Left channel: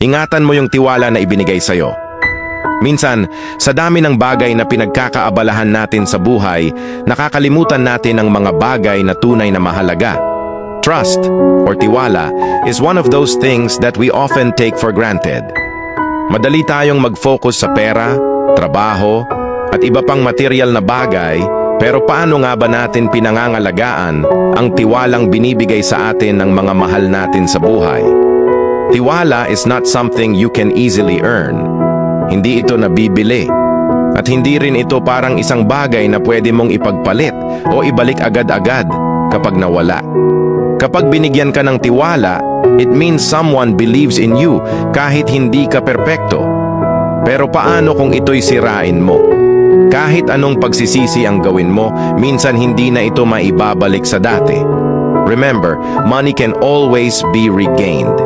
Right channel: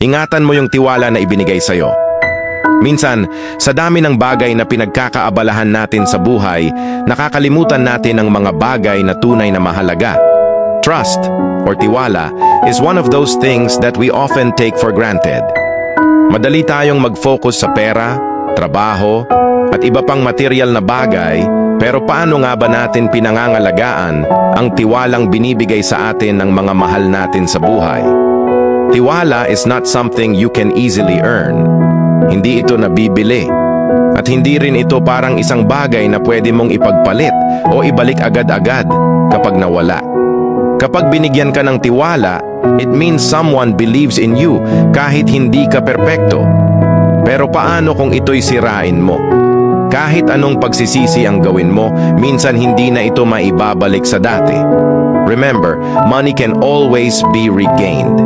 Ingatan mo yung tiwala na ibinigay sa'yo. Minsan, sa dami ng bagay na pinagkakaabalahan natin sa buhay, nakakalimutan natin ang mga bagay na tunay na mahalaga. Trust, or tiwala, is one of those things that we often take for granted. Madali tayong mag-focus sa pera, trabaho, at iba pang material na bagay, pero paano nga ba natin pinangangalagaan ang tiwalang binibigay sa atin ng mga mahal natin sa buhay? Tiwala is not something you can easily earn. Hindi ito nabibili. At hindi rin ito parang isang bagay na pwede mong ipagpalit o ibalik agad-agad kapag nawala. Kapag binigyan ka ng tiwala, it means someone believes in you kahit hindi ka perpekto. Pero paano kung ito'y sirain mo? Kahit anong pagsisisi ang gawin mo, minsan hindi na ito maibabalik sa dati. Remember, money can always be regained.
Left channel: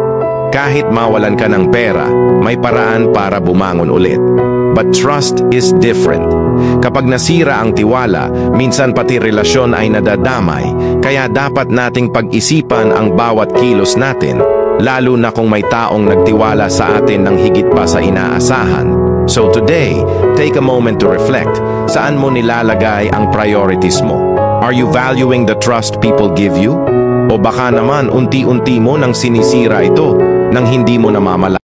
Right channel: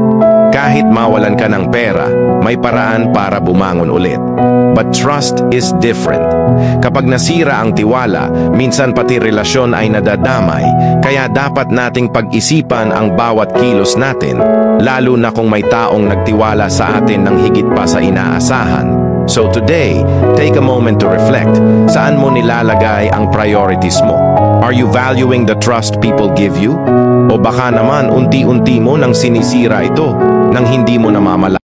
Kahit mawalan ka ng pera, may paraan para bumangon ulit. But trust is different. Kapag nasira ang tiwala, minsan pati relasyon ay nadadamay, kaya dapat nating pag-isipan ang bawat kilos natin, lalo na kung may taong nagtiwala sa atin ng higit pa sa inaasahan. So today, take a moment to reflect. Saan mo nilalagay ang priorities mo? Are you valuing the trust people give you? O baka naman unti-unti mo nang sinisira ito nang hindi mo namamalayan?